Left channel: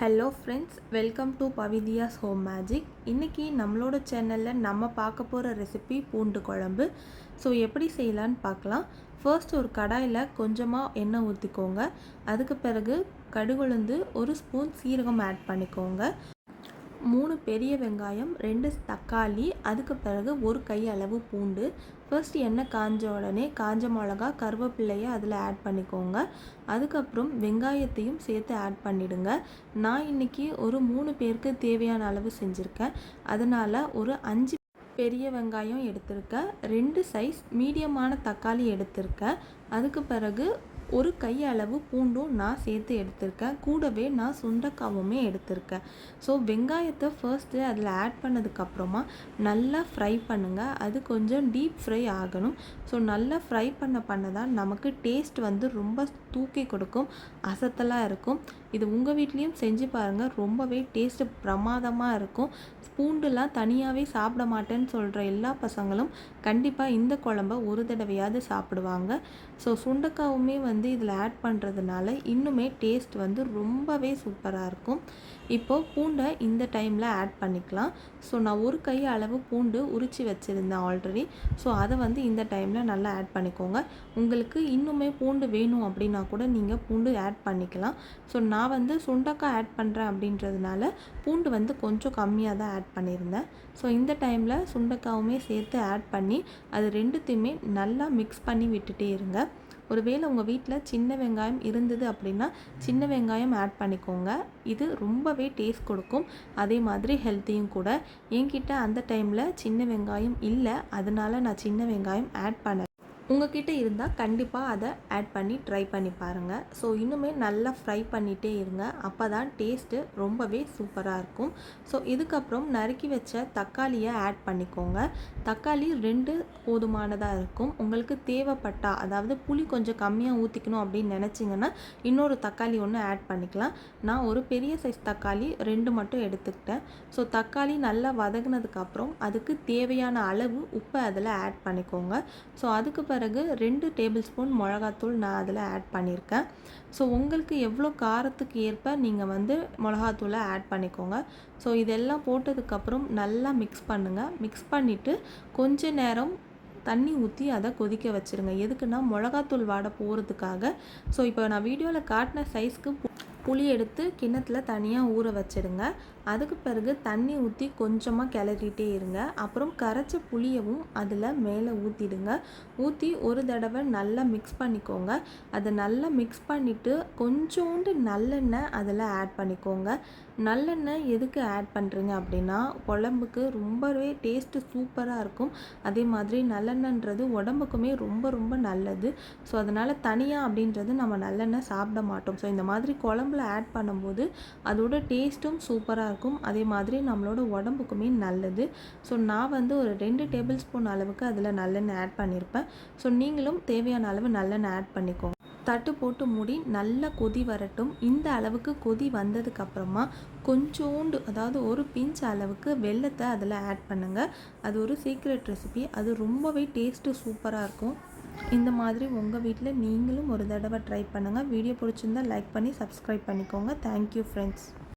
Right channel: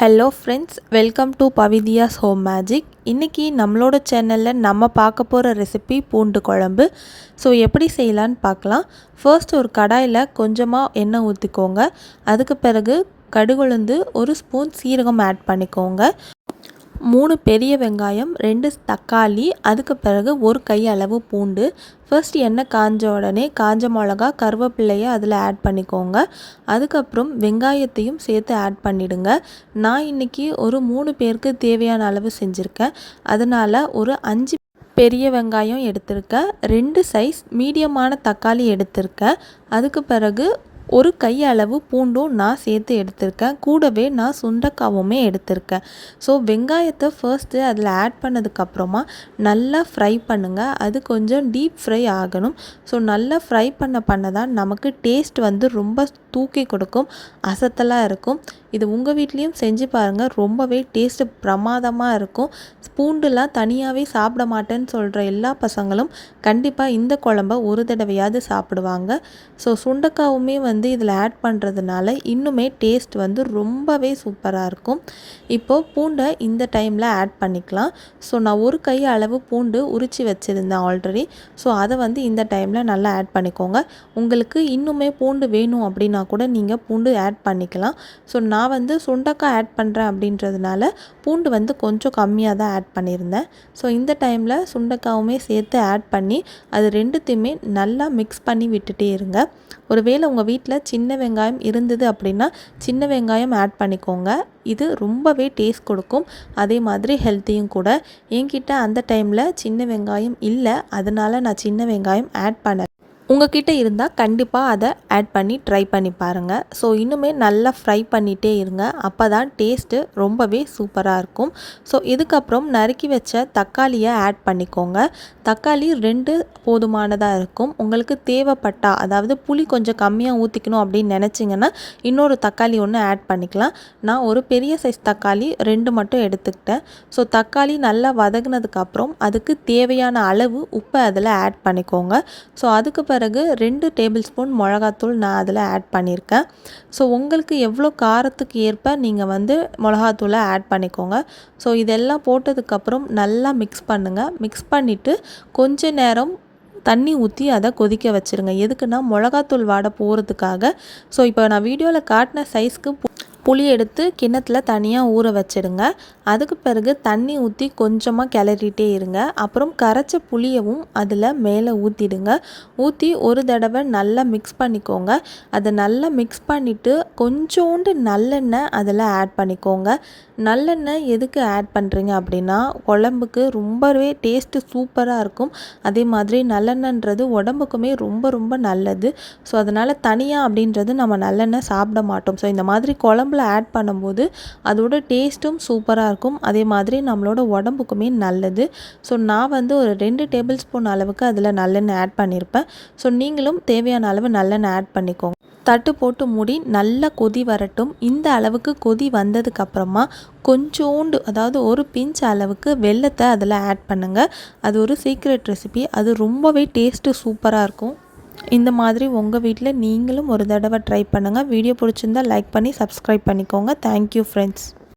Hello friends welcome to Pavithya's home magic இன்றைக்கி நம்மளோட சேனலில் நம்ம பார்க்க போகிற ரெசிபி பூண்டு குழம்பு. ஸோ எப்படி செய்யலான்னு பார்க்கலாம். ஃபர்ஸ்ட் ஒரு கடாயில் கொஞ்சமாக எண்ணெய் ஊற்றிக்கோங்க அதுக்கு பிறகு கடுகுழுந்து ஒரு ஸ்பூன் சீரகம் ஆட் பண்ணிக்கோங்க. மூணு பெரிய வெங்காயம் ரெண்டு தக்காளி அதுக்கு பிறகு ஒரு கை அளவு பூண்டு. ஃபர்ஸ்ட் எண்ணெய் காஞ்ச உடனே காஞ்ச மிளகா கருவேப்பிள்ளையை அதில் ஆட் பண்ணிக்கோங்க. அதுக்கப்புறம் வெங்காயத்தையும் சேர்த்து ஆட் பண்ணிவிடுங்க நான் இன்றைக்கி ஒரு மூணு பேருக்கு தேவையான அளவு செஞ்சுருக்கேன். அதனால் ஒரு அஞ்சு பெரிய வெங்காயம் எடுத்திருக்கேன். ரெண்டு சைஸ் மீடியமான தக்காளி எடுத்திருக்கேன். அதுக்கு பிறகு ஒரு கை அளவு பூண்டும் நான் சேர்த்து எடுத்திருக்கேன். கூடவே நான் சுண்டக்காவுமே எடுத்திருக்கேன். ஸோ வெங்காயத்தை ஃபர்ஸ்ட்டு அதில் ஆட் பண்ணதுக்கப்புறமா நல்லா ஃப்ரை பண்ணுங்கள் அது கொஞ்சம் டீப் ஃப்ரை ஆகணும். ஸோ நல்லா ஃப்ரை பண்ண பண்ண தான் நமக்கு டேஸ்ட் வந்து ரொம்ப தூக்கி கொடுக்கும். அசத்தலாக இருக்கும். இது உங்கள் வீட்லேயும் செஞ்சு பாருங்கள் ரொம்பவே டேஸ்ட்டு பிரமாதமாக இருக்கும். பூண்டுலாம் தனியாகவே சாப்பிட மாட்டேன்னு சொல்கிற எல்லா பசங்களும் கண்டிப்பாக இந்த குழம்ப ஒரு தடவையாவது சாப்பிடுவாங்க. ஸோ சுண்டக்காவுமே வந்து வந்து இதில் ஆட் பண்ணுறதுனால இன்னுமே டேஸ்ட் வந்து ரொம்பவே சூப்பராக இருக்கும். இப்போது பூண்டை இந்த டைமில் ஆட் பண்ணிக்கலாம். ஸோ நான் ஒரு கை அளவு பூண்டு உரித்து வச்சுருந்தேன் ஆல்ரெடி ஸோ அதை வந்து இந்த டைமில் நல்லா ஆட் பண்ணிக்கோங்க. உங்களுக்கு இன்னுமே பூண்டு வேணும் அப்படின்னா கூட நீங்கள் பூண்டு ஆட் பண்ணிக்கலாம். ஸோ நான் நான் வந்து சுண்டக்காய் ஆட் பண்ணுறேன் அப்படின்றதுனால பூண்டு வந்து கொஞ்சம் கம்மியாக தான் ஆட் பண்ணியிருந்தேன். ஸோ இந்த டைமில் சுண்டக்காவுமே சேர்த்து ஆட் பண்ணி அது ரெண்டுத்தையுமே நல்லா மிக்ஸ் பண்ணி விட்டுட்டே இருங்க. ஒருவேளை உங்கள் வீட்டில் சின்ன வெங்காயம் இருந்தது அப்படின்னா சின்ன வெங்காயம் ஆட் பண்ணிக்கோங்க. இது ரொம்பவே டேஸ்ட் கொடுக்கும். அதே மாதிரி ஹெல்த்தியும் கூட. என்கிட்ட அந்த டைமில் சின்ன வெங்காயம் இல்லை. அதனால் நான் சின்ன வெங்காயம் ஆட் பண்ண உங்ககிட்ட இருந்தால் கண்டிப்பாக அதை ஆட் பண்ணி ட்ரை பண்ணி பாருங்கள் ஸோ இன்னுமே நல்லா ஃப்ரை பண்ணிகிட்டே இருங்க. அப்போ தான் டேஸ்ட்டு ரொம்பவே சூப்பராக இருக்கும். ஸோ இதுக்கப்புறம் நறுக்கி வச்ச தக்காளியை ஆட் பண்ணிக்கோங்க. தக்காளி ரெண்டு போதுமானதாக இருக்கும். உங்களுக்கு தேவைப்பட்டா அதாவது புளி கொஞ்சம் கம்மியாக ஊற்றிக்கணும் அப்படின்னு நினச்சிங்கன்னா இன்னொரு தக்காளி ஒன்று ஆட் பண்ணிக்கலாம். நான் ஒரு பெரிய சைஸ் தக்காளி ரெண்டு மட்டும் எடுத்துக்கிட்டேன். ஸோ தக்காளி நல்லா வதங்கினதுக்கப்புறம் அதுக்கு தேவையான அளவு உப்பை அதில் ஆட் பண்ணிக்கோங்க. ஸோ அதுக்கு பிறகு ரெண்டு டேபிள் ஸ்பூன் மிளகாத்தூள் நான் அதில் ஆட் பண்ணியிருக்கேன். ஸோ உங்களுக்கு எவ்வளோ காரத்துக்கு ஏற்ப நீங்கள் வந்து மிளகாத்தூளை ஆட் பண்ணிக்கோங்க. ஸோ இதெல்லாம் போட்டதுக்கப்புறம் நல்லா மிக்ஸ் பண்ணுங்கள் மிக்ஸ் பண்ணிவிட்டு கொஞ்ச நேரம் தண்ணி ஊற்றி அதை கொதிக்க வச்சுருங்க. எதுக்குன்னா மிளகாத்தூள் வாடை போகிறதுக்காக ஸோ இப்போ நான் வீடியோவில் காட்டின சைஸ்க்கு புளி எடுத்து கிண்ணத்தில் தனியாக ஊற வச்சிடுங்க. அதுக்கு பிறகு தண்ணி ஊற்றி கொஞ்சமாக கிளறிட்டே இருங்க. அப்புறம் கரைச்ச புளியவும் அதில் மேலே ஊற்றிடுங்க ஊற்றி ஒரு தடவை நல்லா மிக்ஸ் பண்ணிக்கோங்க. அதை நல்லா மிக்ஸ் பண்ணிவிட்டு கொஞ்சோண்டு நல்லெண்ணெய் அதில் ஆட் பண்ணிக்கோங்க. நல்லெண்ணெய் எதுக்கு ஆட் பண்ணுறீங்க அப்படின்னா குழம்புக்கு ரொம்பவே டேஸ்ட்டு சூப்பராக இருக்கும். அதே மாதிரி நல்லெண்ணன்றது உடம்புக்குமே ரொம்ப ரொம்ப நல்லது. ஸோ அதனால் தனியாக அப்படின்றது நம்ம நல்லெண்ணெய் சாப்பிட மாட்டோம். ஸோ இந்த மாதிரி குழம்புல ஆட் பண்ணும்போது அதோட டேஸ்ட்டும் சூப்பராக இருக்கும். அதே மாதிரி நம்மளோட உடம்புக்குமே நல்லது. ஸோ நான் வந்து ஒரு ரெண்டு டேபிள் ஸ்பூன் அளவுக்கு அதில் நல்லெண்ணெய் ஆட் பண்ணியிருப்பேன் ஸோ நீங்களும் தேவையான அளவு நல்லெண்ணெய் ஆட் பண்ணிக்கோங்க. தட்டு போட்டு மூடி நல்லா கொதி வரட்டும். இந்த அளவுக்கு கொதி வந்ததுக்கப்புறமா கொஞ்சோண்டு அதாவது ஒரு பிஞ்ச் அளவுக்கு வெள்ளத்தை அதில் ஆட் பண்ணுங்கள் அது ஒரு சீக்ரெட் ரெசிபி அது ரொம்பவே டேஸ்ட்டு சூப்பராக இருக்கும். இந்த மாதிரி உங்கள் வீட்டில் நீங்களும் ஒரு தடவை ட்ரை பண்ணுங்கள் வீடியோ பிடிச்சிருந்தால் லைக் பண்ணி சப்ஸ்கிரைப் பண்ணிக்கோங்க. Thank you friends